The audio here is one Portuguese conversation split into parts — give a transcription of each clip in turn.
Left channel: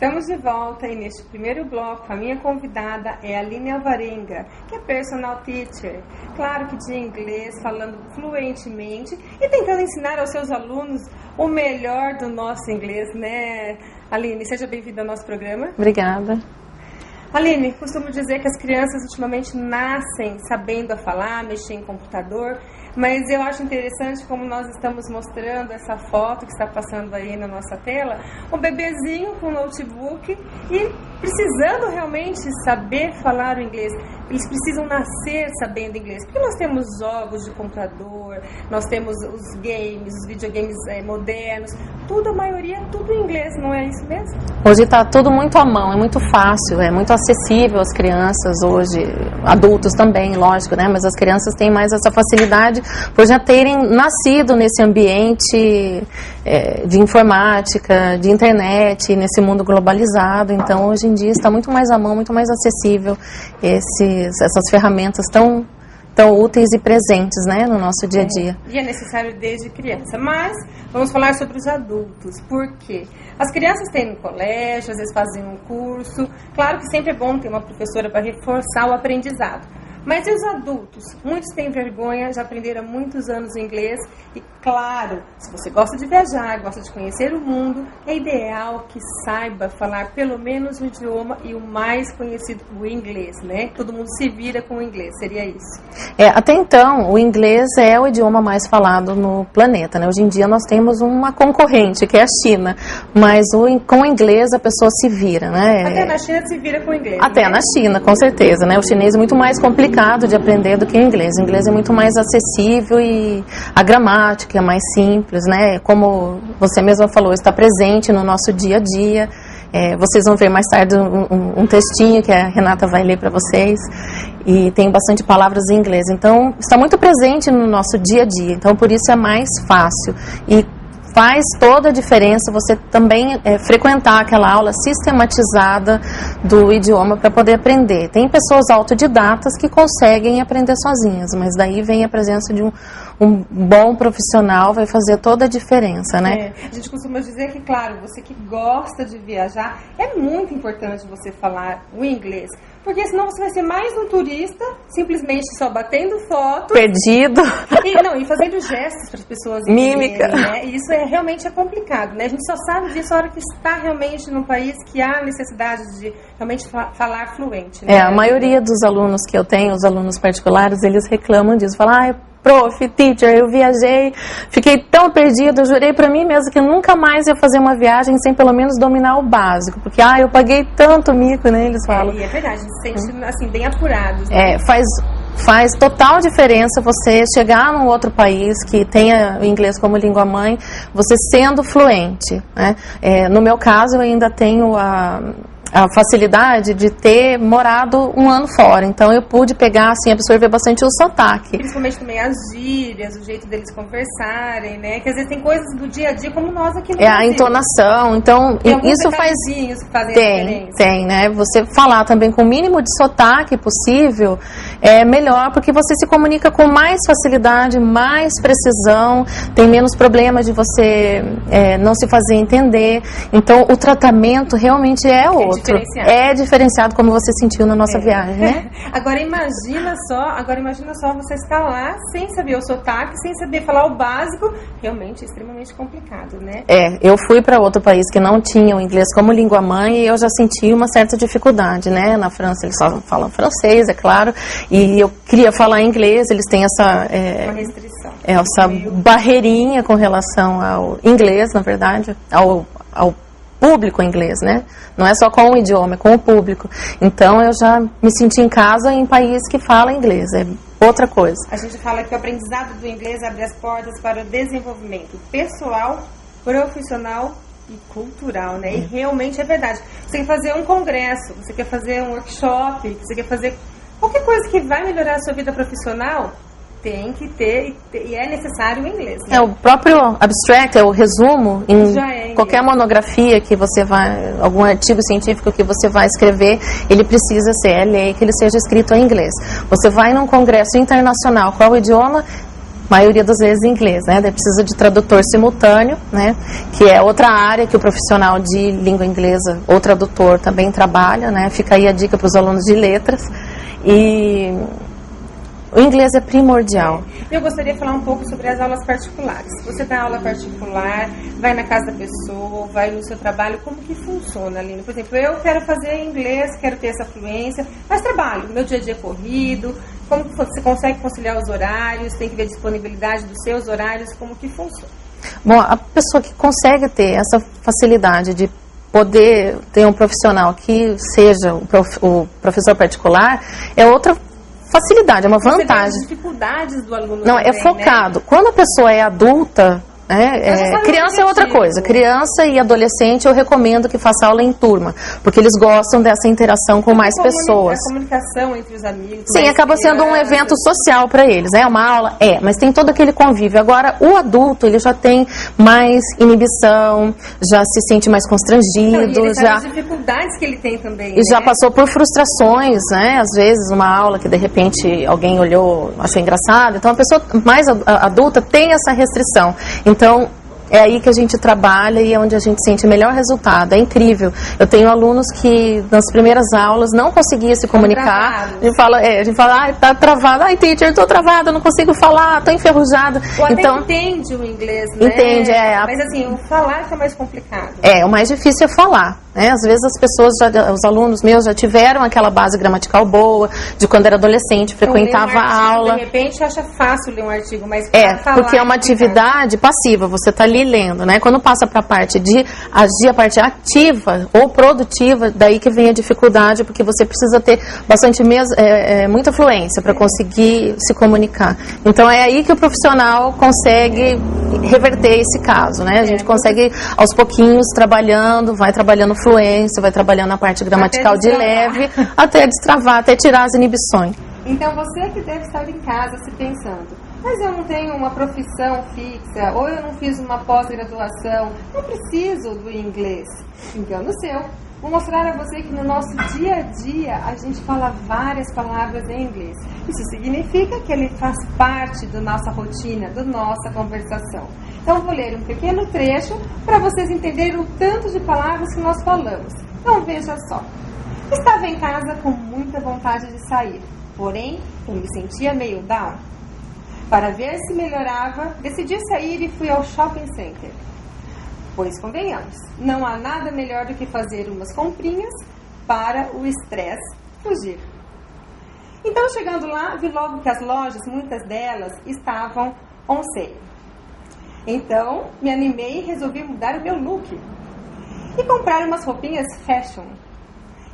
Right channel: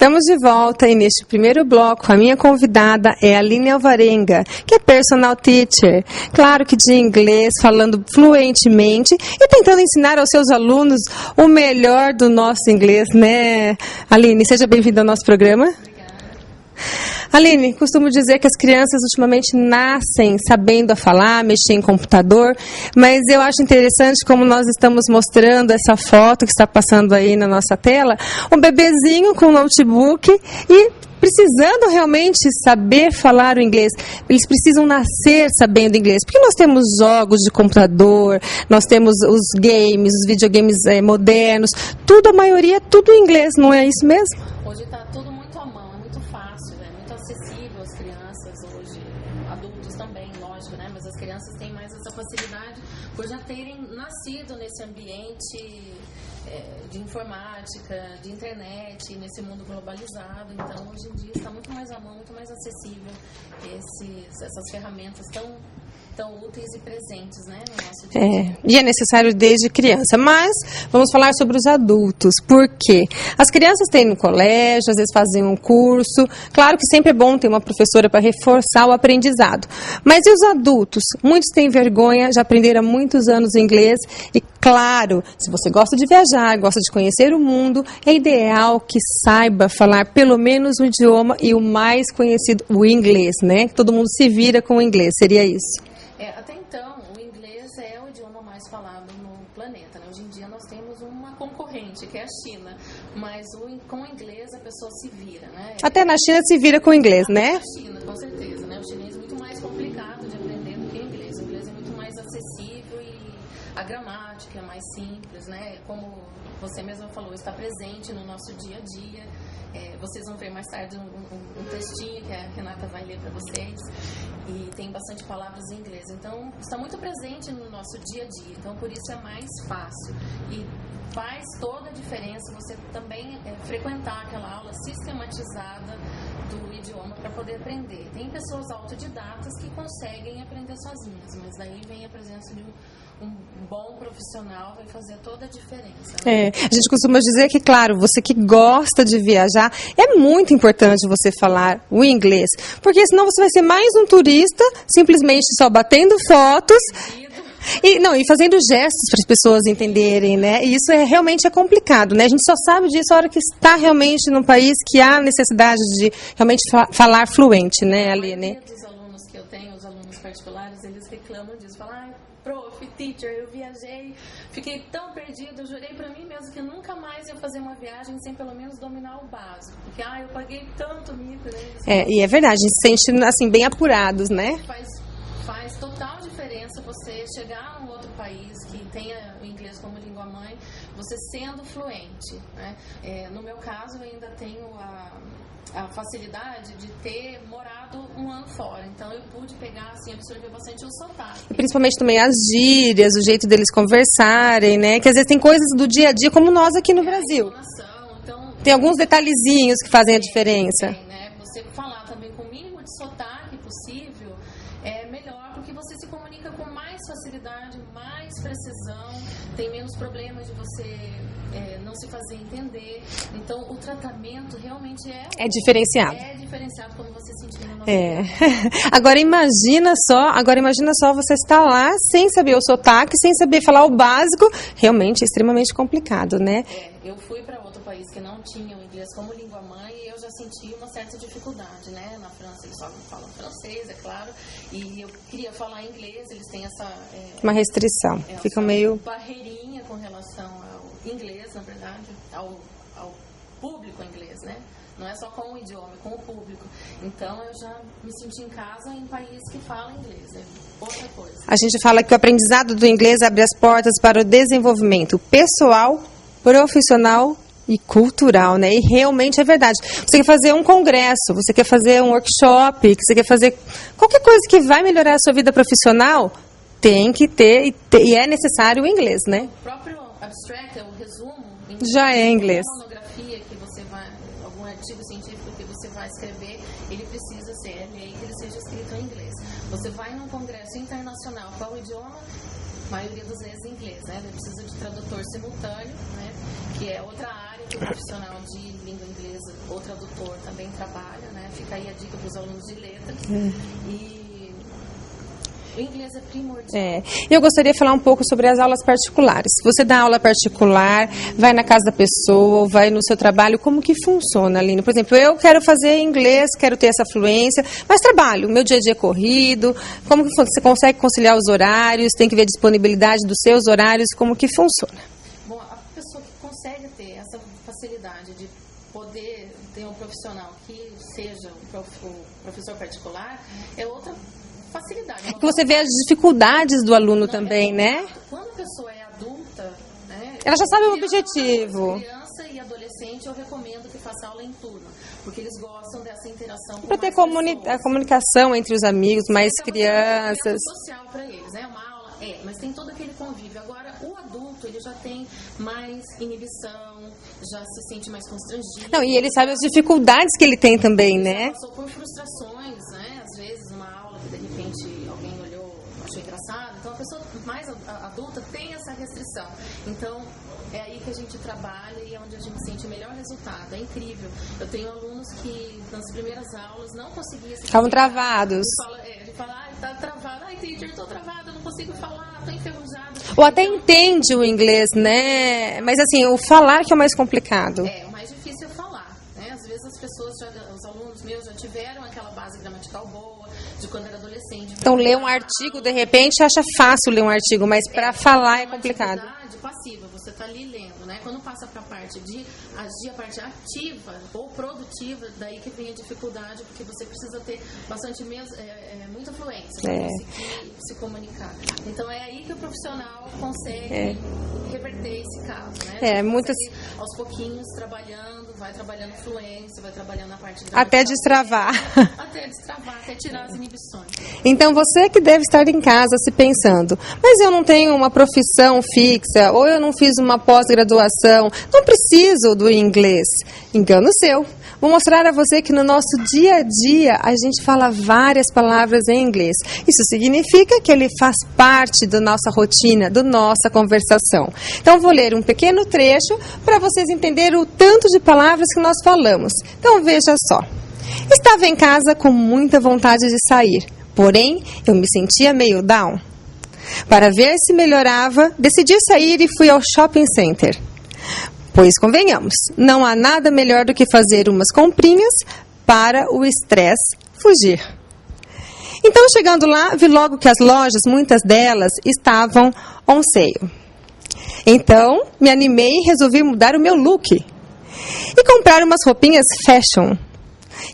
Estamos de volta e neste primeiro bloco a minha convidada é a Aline Alvarenga, que é personal teacher, claro que de inglês, falando fluentemente e tentando ensinar aos seus alunos o melhor do nosso inglês, né? Aline, seja bem-vinda ao nosso programa. Obrigada. Aline, costumo dizer que as crianças ultimamente nascem sabendo a falar, mexer em computador, mas eu acho interessante como nós estamos mostrando essa foto que está passando aí na nossa tela, um bebezinho com um notebook e precisando realmente saber falar o inglês. Eles precisam nascer sabendo inglês, porque nós temos jogos de computador, nós temos os games, os videogames modernos, tudo, a maioria, tudo em inglês, não é isso mesmo? Hoje está tudo muito à mão, é muito fácil, é muito acessível às crianças hoje, adultos também, lógico, né? Mas as crianças têm mais essa facilidade por já terem nascido nesse ambiente de informática, de internet, nesse mundo globalizado. Então, hoje em dia está muito mais à mão, muito mais acessível essas ferramentas tão úteis e presentes, né, no nosso dia a dia. E é necessário desde criança. Mas vamos falar sobre os adultos. Por quê? As crianças têm no colégio, às vezes fazem um curso. Claro que sempre é bom ter uma professora para reforçar o aprendizado. Mas e os adultos? Muitos têm vergonha, já aprenderam há muitos anos inglês. E claro, se você gosta de viajar, gosta de conhecer o mundo, é ideal que saiba falar pelo menos o idioma e o mais conhecido, o inglês, né? Todo mundo se vira com o inglês, seria isso? Até então, o inglês é o idioma mais falado no planeta, né? Hoje em dia nós temos uma concorrente, que é a China, mas com o inglês a pessoa se vira, né? Até na China se vira com o inglês, Até né? na China, com certeza, né? O chinês é muito mais complicado de aprender do que o inglês. O inglês é muito mais acessível e a gramática é mais simples, né? Como você mesma falou, está presente no nosso dia a dia. Vocês vão ver mais tarde um textinho que a Renata vai ler para vocês, e tem bastante palavras em inglês, então está muito presente no nosso dia a dia, então por isso é mais fácil e faz toda a diferença você também frequentar aquela aula sistematizada do idioma para poder aprender. Tem pessoas autodidatas que conseguem aprender sozinhas, mas daí vem a presença de um bom profissional, vai fazer toda a diferença, né? A gente costuma dizer que, claro, você que gosta de viajar, é muito importante você falar o inglês, porque senão você vai ser mais um turista, simplesmente só batendo fotos. Perdido. E fazendo gestos para as pessoas entenderem, né? E isso realmente é complicado, né? A gente só sabe disso a hora que está realmente num país que há necessidade de realmente falar fluente, né? A maioria dos alunos que eu tenho, os alunos particulares, eles reclamam disso, falam, prof, teacher, eu viajei, fiquei tão perdida, eu jurei pra mim mesma que nunca mais ia fazer uma viagem sem pelo menos dominar o básico, porque eu paguei tanto mico, né, eles falam. E é verdade, a gente se sente assim, bem apurados, né? Faz total diferença você chegar num outro país que tenha o inglês como língua mãe, você sendo fluente, né? No meu caso, eu ainda tenho a facilidade de ter morado um ano fora. Então, eu pude pegar, assim, absorver bastante o sotaque. Principalmente também as gírias, o jeito deles conversarem, né? Que às vezes tem coisas do dia a dia, como nós aqui no Brasil. A entonação. Então, tem alguns isso detalhezinhos que fazem a diferença. Tem, né? Você falar também com o mínimo de sotaque possível é melhor, porque você se comunica com mais facilidade, mais precisão, tem menos problema de você não se fazer entender. Então, o tratamento realmente é outro. É diferenciado, como você sentiu na nossa viagem, né? Agora imagina só você estar lá sem saber o sotaque, sem saber falar o básico, realmente é extremamente complicado, né? Eu fui para outro país que não tinha o inglês como língua mãe e eu já senti uma certa dificuldade, né? Na França eles só falam francês, é claro, e eu queria falar inglês, eles têm essa... uma restrição. Essa barreirinha com relação ao inglês, na verdade, ao público inglês, né? Não é só com o idioma, é com o público. Então, eu já me senti em casa em país que fala inglês, é outra coisa. A gente fala que o aprendizado do inglês abre as portas para o desenvolvimento pessoal, profissional e cultural, né? E realmente é verdade. Você quer fazer um congresso, você quer fazer um workshop, você quer fazer qualquer coisa que vai melhorar a sua vida profissional, tem que ter, e é necessário o inglês, né? O próprio abstract, o resumo, já é qualquer monografia que você vai, algum artigo científico que você vai escrever, ele precisa ser, lei que ele seja escrito em inglês. Você vai num congresso internacional, qual o idioma? maioria das vezes em inglês, né? Daí precisa de tradutor simultâneo, né? Que é outra área que o profissional de língua inglesa ou tradutor também trabalha, né? Fica aí a dica para os alunos de letras. E o inglês é primordial. Eu gostaria de falar um pouco sobre as aulas particulares. Você dá aula particular, vai na casa da pessoa, vai no seu trabalho, como que funciona, Aline? Por exemplo, eu quero fazer inglês, quero ter essa fluência, mas trabalho, meu dia a dia é corrido, como que você consegue conciliar os horários, tem que ver a disponibilidade dos seus horários, como que funciona? Bom, a pessoa que consegue ter essa facilidade de poder ter um profissional que seja o professor particular, é outra facilidade, é uma vantagem. Você vê as dificuldades do aluno não, também, é focado. Né? Quando a pessoa é adulta, criança é outra coisa. Criança e adolescente eu recomendo que faça aula em turma, porque eles gostam dessa interação com mais pessoas. A comunicação entre os amigos, sim, acaba sendo um evento social para eles, né? Uma aula mas tem todo aquele convívio. Agora, o adulto, ele já tem mais inibição, já se sente mais constrangido. Não, e ele sabe as dificuldades que ele tem também, né? Já passou por frustrações, né? Às vezes, uma aula que de repente alguém olhou, achou engraçado. Então, a pessoa mais adulta tem essa restrição. Então, é aí que a gente trabalha e é onde a gente sente o melhor resultado. É incrível. Eu tenho alunos que, nas primeiras aulas, não conseguiam se comunicar. A gente fala, tá travado. Ai, teacher, tô travada, não consigo falar, tô enferrujada. Ou até entende o inglês, né? Entende, Mas assim, o falar que é o mais complicado. O mais difícil é falar. Né? Às vezes as pessoas, os alunos meus já tiveram aquela base gramatical boa, de quando era adolescente, frequentava a aula. De repente acha fácil ler um artigo, mas para falar porque é uma atividade passiva, você está ali lendo, né? Quando passa para a parte de agir, a parte ativa ou produtiva, daí que vem a dificuldade, porque você precisa ter bastante muita fluência para conseguir se comunicar. Então é aí que o profissional consegue reverter esse caso, né? A gente consegue aos pouquinhos vai trabalhando fluência, vai trabalhando a parte gramatical de leve, até destravar, até tirar as inibições. Então você que deve estar em casa se pensando, mas eu não tenho uma profissão fixa, ou eu não fiz uma pós-graduação, não preciso do inglês. Engano seu. Vou mostrar a você que no nosso dia a dia a gente fala várias palavras em inglês. Isso significa que ele faz parte da nossa rotina, da nossa conversação. Então vou ler um pequeno trecho para vocês entenderem o tanto de palavras que nós falamos. Então veja só. Estava em casa com muita vontade de sair, porém eu me sentia meio down. Para ver se melhorava, decidi sair e fui ao shopping center. Pois convenhamos, não há nada melhor do que fazer umas comprinhas para o estresse fugir. Então, chegando lá, vi logo que as lojas, muitas delas, estavam on sale. Então, me animei e resolvi mudar o meu look. E comprar umas roupinhas fashion.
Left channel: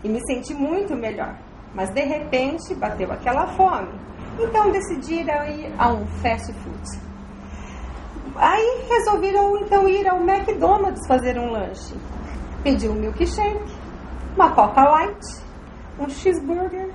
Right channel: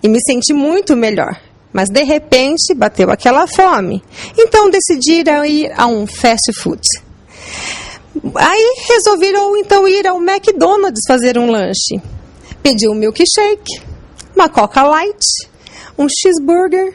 E me senti muito melhor. Mas, de repente, bateu aquela fome. Então, decidi ir a um fast food. Aí resolveram então ir ao McDonald's fazer um lanche. Pedi um milkshake, uma Coca Light, um cheeseburger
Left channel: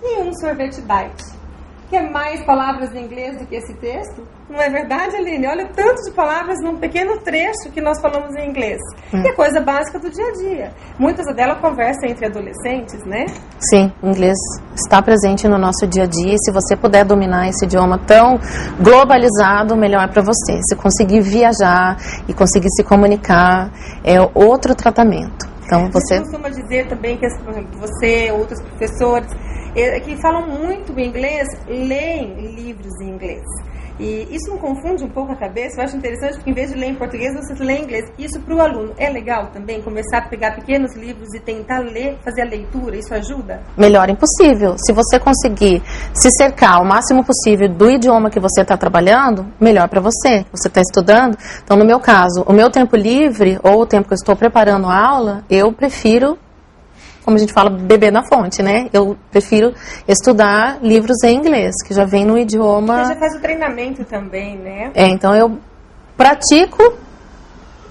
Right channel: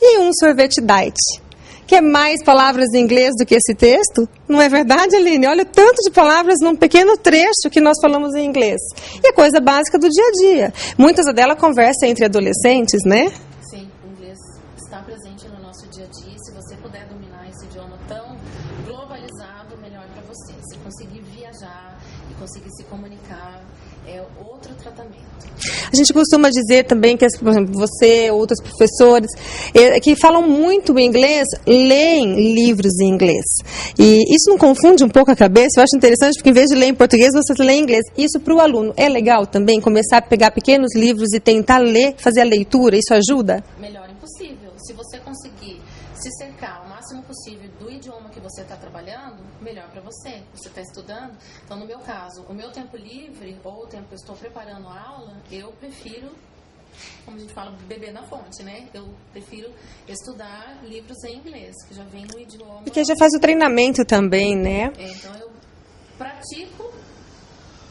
e um sorvete diet. Quer mais palavras em inglês do que esse texto? Não é verdade, Aline? Olha o tanto de palavras num pequeno trecho que nós falamos em inglês. E é coisa básica do dia a dia. Muitas delas conversam entre adolescentes, né? Sim, o inglês está presente no nosso dia a dia. E se você puder dominar esse idioma tão globalizado, melhor para você. Se conseguir viajar e conseguir se comunicar, é outro tratamento. Então, A gente costuma dizer também que, por exemplo, você, outros professores, que falam muito inglês, leem livros em inglês. E isso não confunde um pouco a cabeça? Eu acho interessante, porque em vez de ler em português, você lê em inglês. Isso para o aluno é legal também? Começar a pegar pequenos livros e tentar ler, fazer a leitura, isso ajuda? Melhor impossível. Se você conseguir se cercar o máximo possível do idioma que você está trabalhando, melhor para você. Você está estudando. Então, no meu caso, o meu tempo livre, ou o tempo que eu estou preparando a aula, eu prefiro, como a gente fala, beber na fonte, né? Eu prefiro estudar livros em inglês, que já vem no idioma... Porque já faz o treinamento também, né? Então eu pratico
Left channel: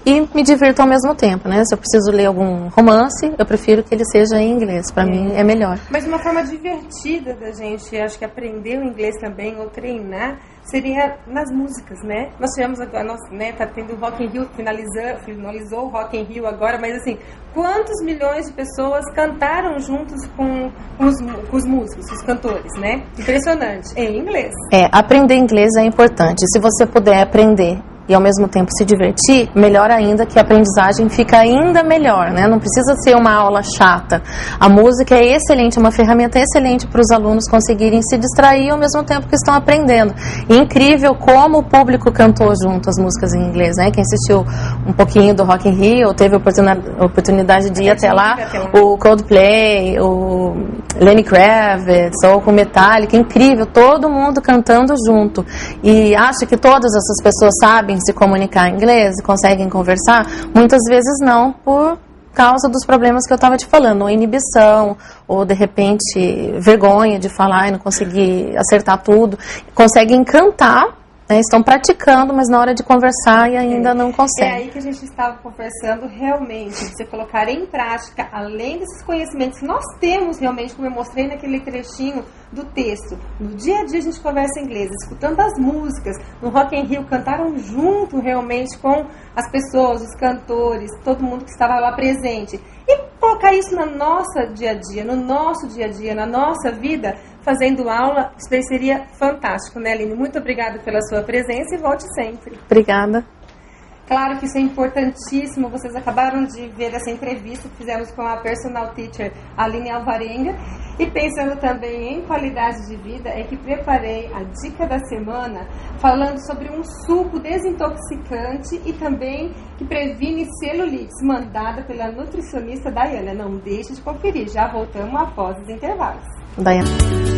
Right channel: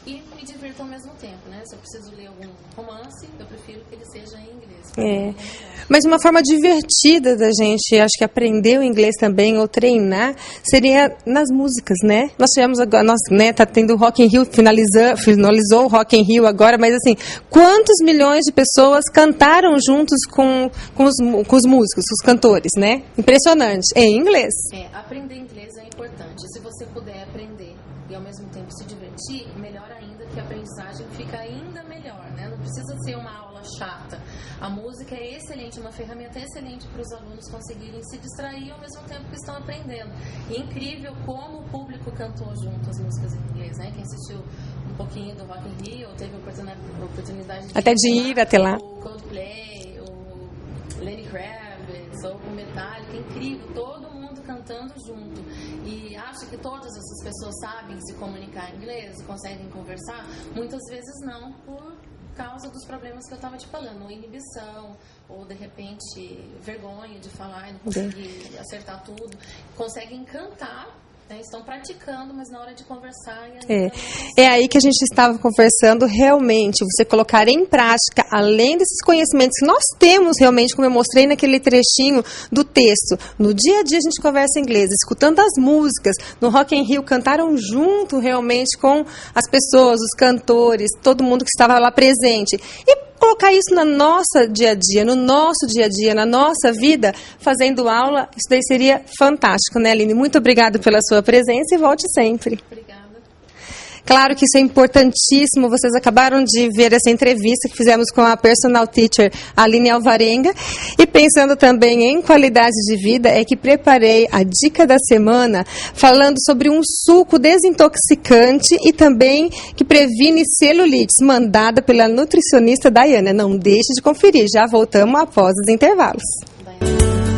e me divirto ao mesmo tempo, né? Se eu preciso ler algum romance, eu prefiro que ele seja em inglês. Para mim é melhor. Mas uma forma divertida da gente, acho que aprender o inglês também, ou treinar, seria nas músicas, né? Nós tivemos agora, tá tendo o Rock in Rio, finalizou o Rock in Rio agora, mas assim, quantos milhões de pessoas cantaram juntos com os músicos, os cantores, né? Impressionante. Em inglês. Aprender inglês é importante. Se você puder aprender e ao mesmo tempo se divertir, melhor ainda, que a aprendizagem fica ainda melhor, né? Não precisa ser uma aula chata. A música é excelente, é uma ferramenta excelente para os alunos conseguirem se distrair ao mesmo tempo que estão aprendendo. E incrível como o público cantou junto as músicas em inglês, né? Quem assistiu um pouquinho do Rock in Rio, teve a oportunidade de ir até lá, o Coldplay, o Lenny Kravitz, ou com Metallica, incrível, todo mundo cantando junto. E acho que todas essas pessoas sabem se comunicar em inglês e conseguem conversar? Muitas vezes não, por causa dos problemas que eu estava te falando, ou inibição, ou de repente vergonha de falar e não conseguir acertar tudo. Conseguem cantar, né, estão praticando, mas na hora de conversar e ainda não conseguem. É aí que a gente estava conversando, realmente, você colocar em prática, além desses conhecimentos que nós temos realmente, como eu mostrei naquele trechinho do texto. No dia a dia a gente conversa em inglês, escutando as músicas, no Rock in Rio cantaram junto realmente com as pessoas, os cantores, todo mundo que estava lá presente. E colocar isso no nosso dia a dia, na nossa vida, fazendo aula, isso daí seria fantástico, né, Aline? Muito obrigada pela sua presença e volte sempre. Obrigada. Claro que isso é importantíssimo. Vocês acabaram de ver essa entrevista que fizemos com a personal teacher Aline Alvarenga. E pensando também em qualidade de vida, é que preparei a dica da semana falando sobre um suco desintoxicante e também que previne celulites, mandada pela nutricionista Daiana. Não deixe de conferir. Já voltamos após os intervalos. Daiana.